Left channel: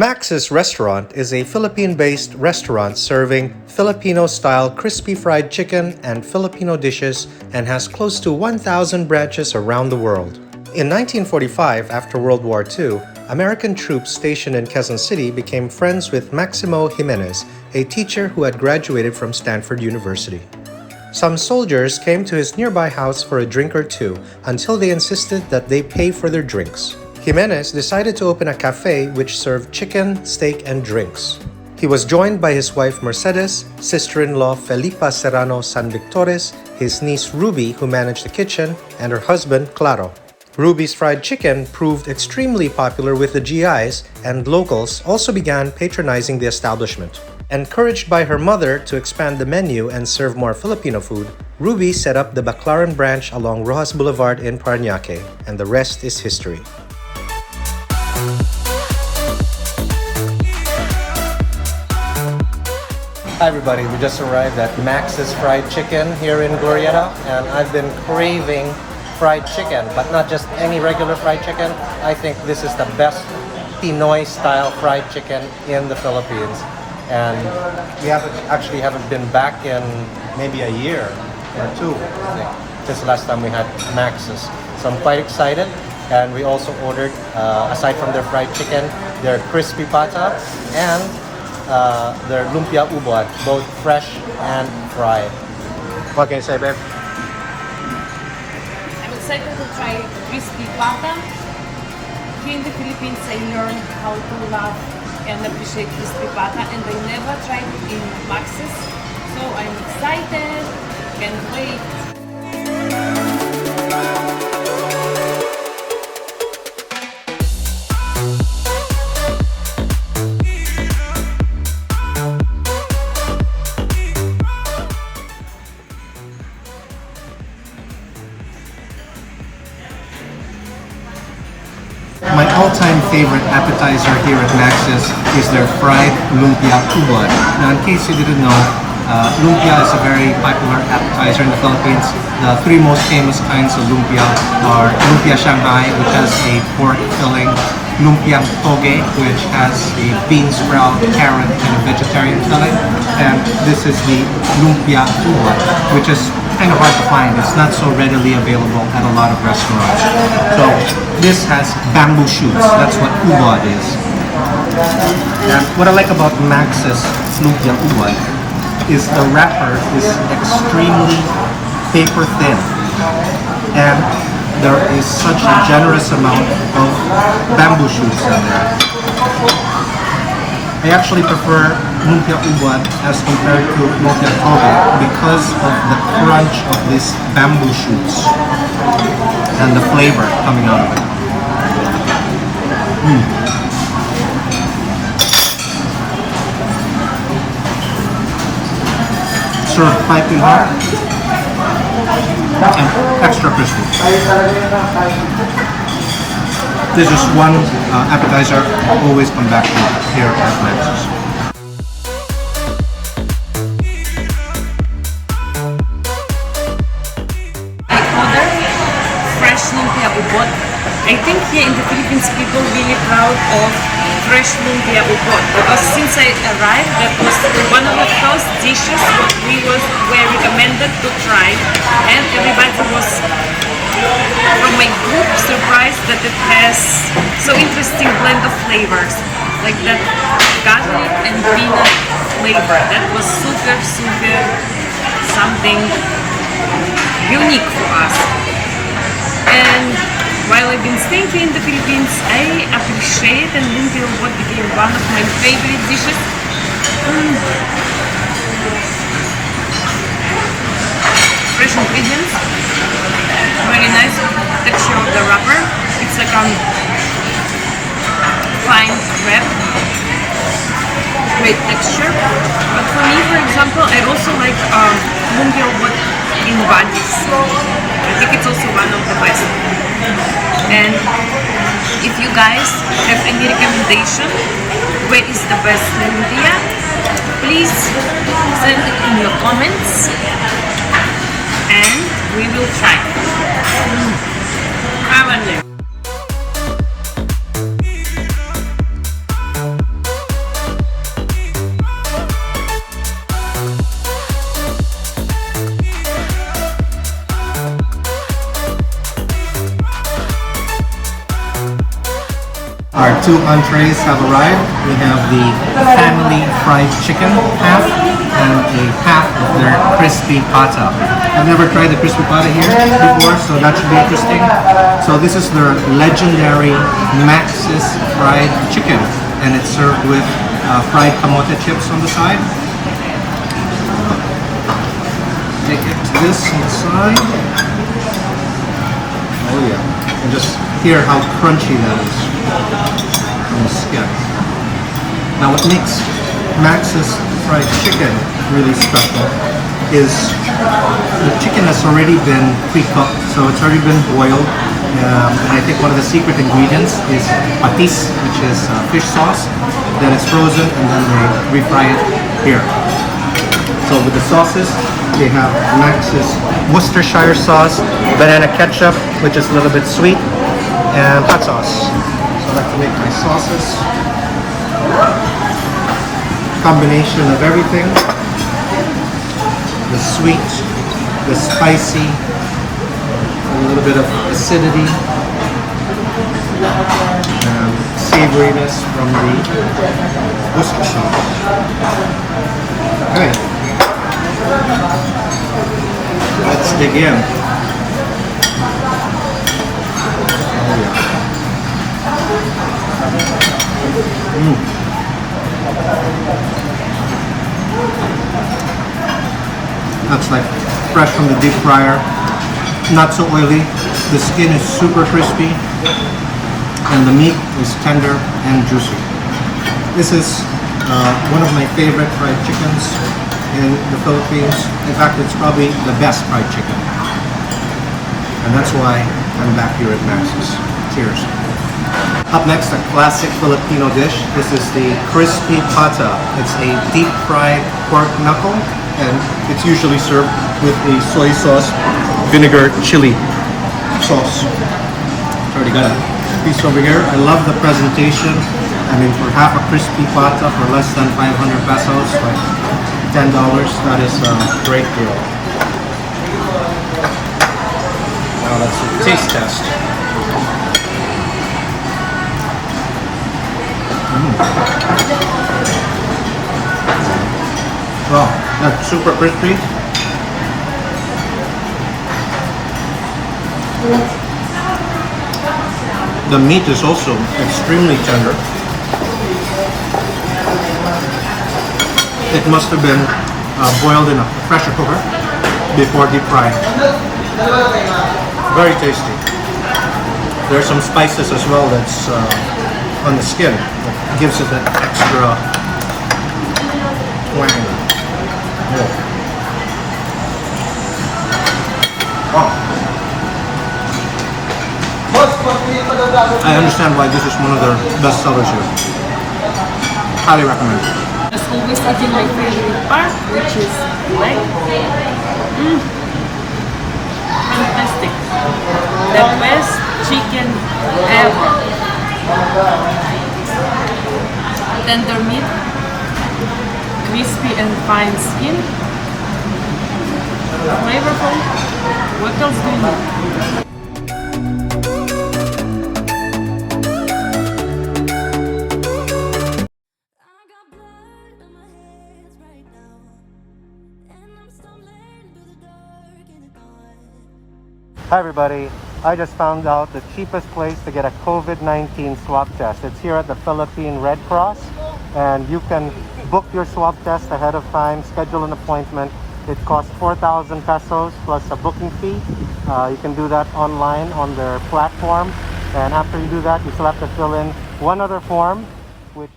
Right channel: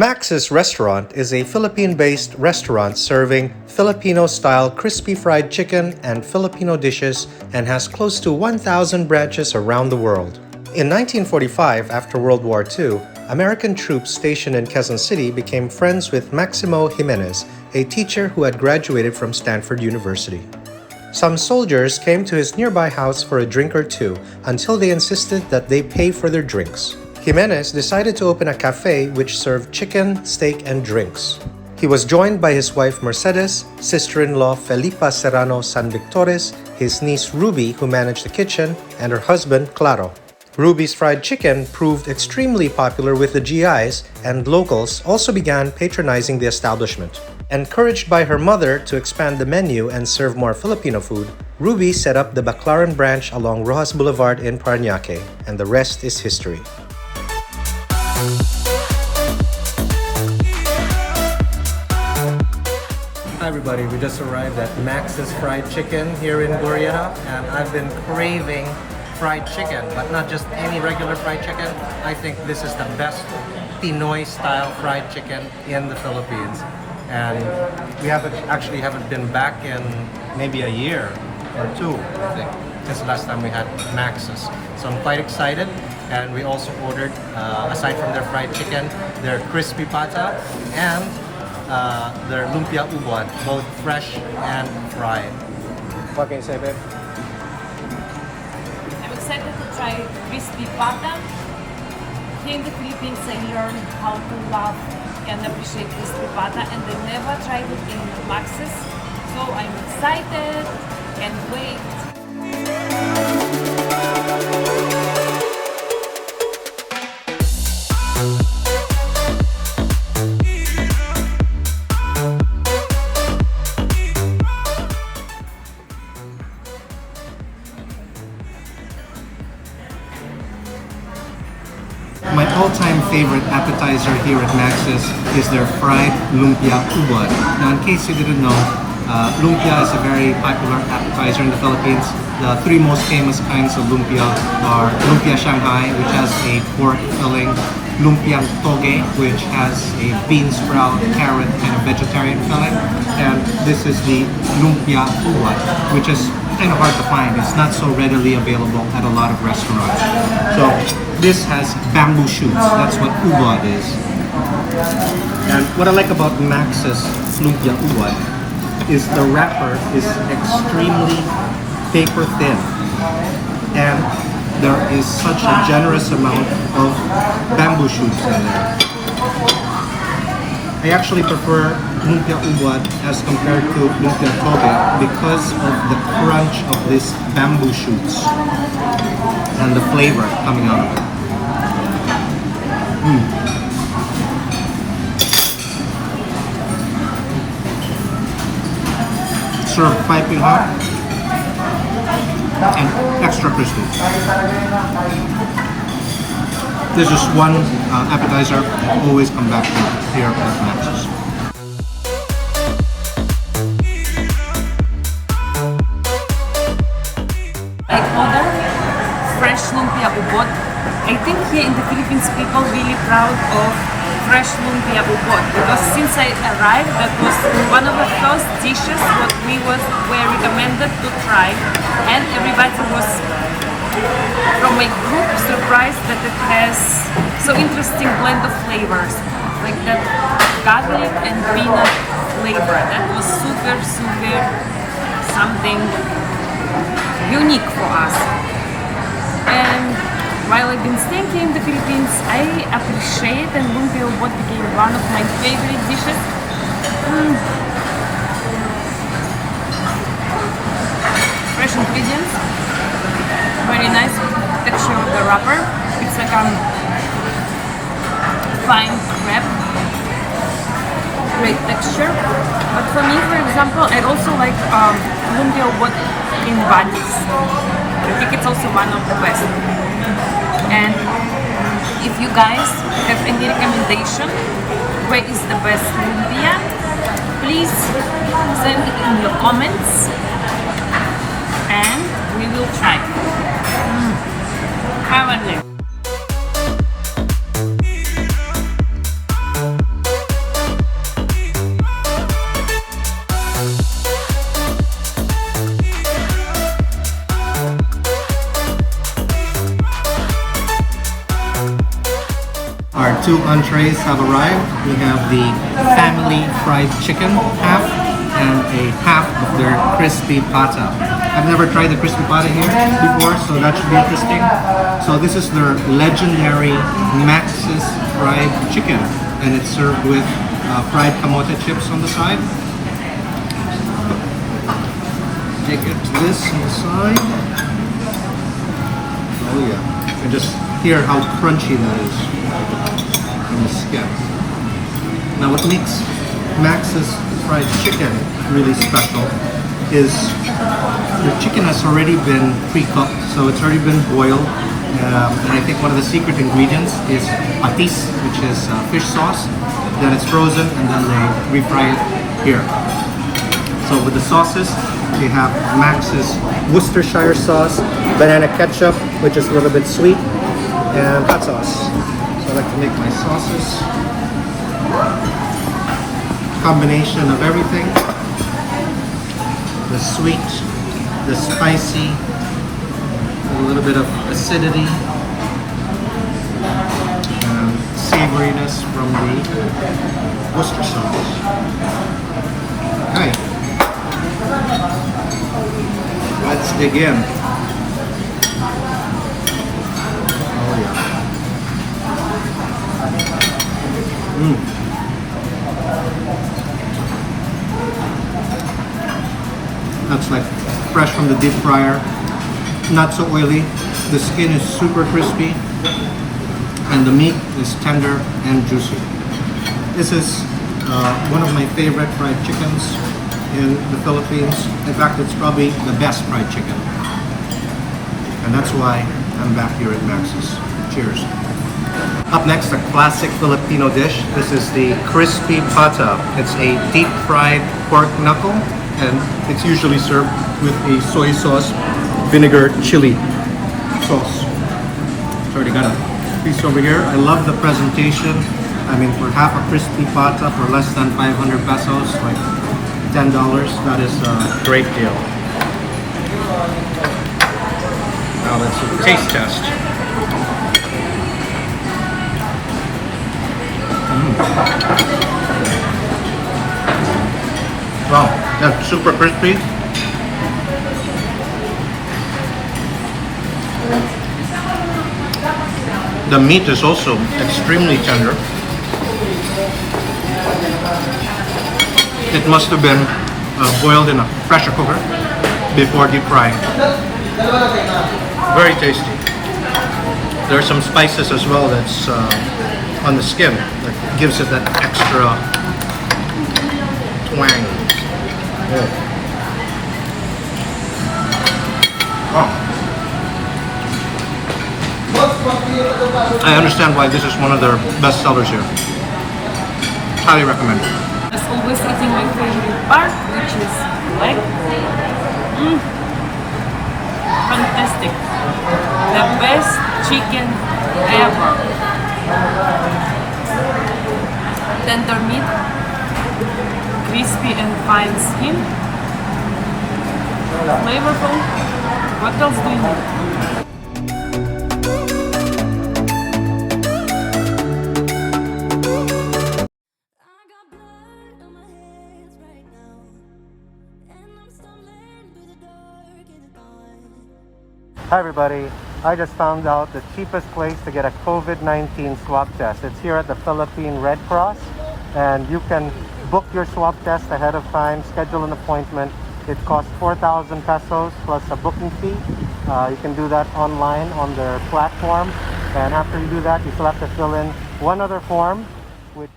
Max's Restaurant is a Philippine-based restaurant serving Filipino-style crispy fried chicken and Filipino dishes and has close to 1,000 branches around the world. In 1945, after World War II, American troops stationed in Quezon City became friends with Maximo Gimenez, a teacher who had graduated from Stanford University. Some soldiers came to his nearby house for a drink or two until they insisted that they pay for their drinks. Gimenez decided to open a café which served chicken, steak, and drinks. He was joined by his wife Mercedes, sister-in-law Felipa Serrano Sanvictores, his niece Ruby, who managed the kitchen, and her husband Claro. Ruby's fried chicken proved extremely popular with the G.I.s, and locals also began patronizing the establishment. Encouraged by her mother to expand the menu and serve more Filipino food, Ruby set up the Baclaran branch along Roxas Boulevard in Parañaque, and the rest is history. Hi everybody, we just arrived at Max's Fried Chicken here in Glorietta, and I've been craving fried chicken, but not just any regular fried chicken. I think this is the best Pinoy style fried chicken in the Philippines. And we haven't been back in maybe a year or two, I think, since the last time we had Max's. So I'm quite excited. And we also ordered, aside from their fried chicken, their crispy pata and their lumpia ubod, both fresh and fried. What can you say, babe? I'm excited to try crispy pata. Here in the Philippines, I learned how to love and appreciate crispy pata, and I never tried it in Max's. So I'm excited, can't wait. My all-time favorite appetizer here at Max's is their fried lumpia ubod. Now, in case you didn't know, lumpia is a very popular appetizer in the Philippines. The three most famous kinds of lumpia are lumpia Shanghai, which has a pork filling, lumpia toge, which has a bean sprout, carrot, and a vegetarian filling, and this is the lumpia ubod, which is kind of hard to find. It's not so readily available at a lot of restaurants. So this has bamboo shoots. That's what ubod is. And what I like about Max's lumpia ubod is the wrapper is extremely paper thin, and there is such a generous amount of bamboo shoots in there. I actually prefer lumpia ubod as compared to lumpia toge because of the crunch of these bamboo shoots and the flavor coming out of it. Served piping hot and extra crispy. This is one appetizer I always come back to here at Max's. I ordered fresh lumpia ubod. I think here in the Philippines, people really proud of fresh lumpia ubod, because since I arrived, that was one of the first dishes what we were recommended to try, and everybody was from my group surprised that it has so interesting blend of flavors, like that garlic and peanut flavor. That was super something unique for us. And while I've been staying here in the Philippines, I appreciate, and lumpia ubod became one of my favorite dishes. Fresh ingredients, very nice texture of the wrapper. It's like fine crepe, great texture. But for me, for example, I also like lumpia ubod in Banis. I think it's also one of the best. And if you guys have any recommendation where is the best lumpia, please send it in your comments and we will try. I wonder. two entrees have arrived. We have the family fried chicken half and a half of their crispy pata. I've never tried the crispy pata here before, so that should be interesting. So this is their legendary Max's fried chicken, and it's served with fried kamote chips on the side. Take it to this on the side. Oh yeah, you can just hear how crunchy that is on the skin. Now what makes Max's fried chicken really special is the chicken has already been pre-cooked, so it's already been boiled. And I think one of the secret ingredients is patis, which is fish sauce. Then it's frozen and then they refry it here. So with the sauces, they have Max's Worcestershire sauce, banana ketchup, which is a little bit sweet, and hot sauce. So I like to make my sauces. Combination of everything. The sweet, the spicy, a little bit of acidity, and savoriness from the Worcester sauce. Okay. Let's dig in. Oh yeah. That's like fresh from the deep fryer. Not so oily. The skin is super crispy. And the meat is tender and juicy. This is one of my favorite fried chickens in the Philippines. In fact, it's probably the best fried chicken. And that's why I'm back here at Max's. Cheers. Up next, a classic Filipino dish. This is the crispy pata. It's a deep fried pork knuckle, and it's usually served with a soy sauce, vinegar, chili sauce. It's already got a piece over here. I love the presentation. I mean, for half a crispy pata for less than 500 pesos, like $10, that is a great deal. Now let's do the taste test. Wow, that's super crispy. The meat is also extremely tender. It must have been boiled in a pressure cooker before deep frying. Very tasty. There are some spices as well that's on the skin that gives it that extra twang. Oh. Wow. I understand why this is one of their best sellers here. Highly recommend. As always, eating my favorite part, which is leg. Fantastic. The best chicken ever. Tender meat, crispy and fine skin. Flavorful. What else do you need? Hi everybody, I just found out the cheapest place to get a COVID-19 swab test. It's here at the Philippine Red Cross, and you can book your swab test ahead of time, schedule an appointment. It costs 4,000 pesos plus a booking fee. You can do that online on their platform, and after you do that, you still have to fill in one other form, which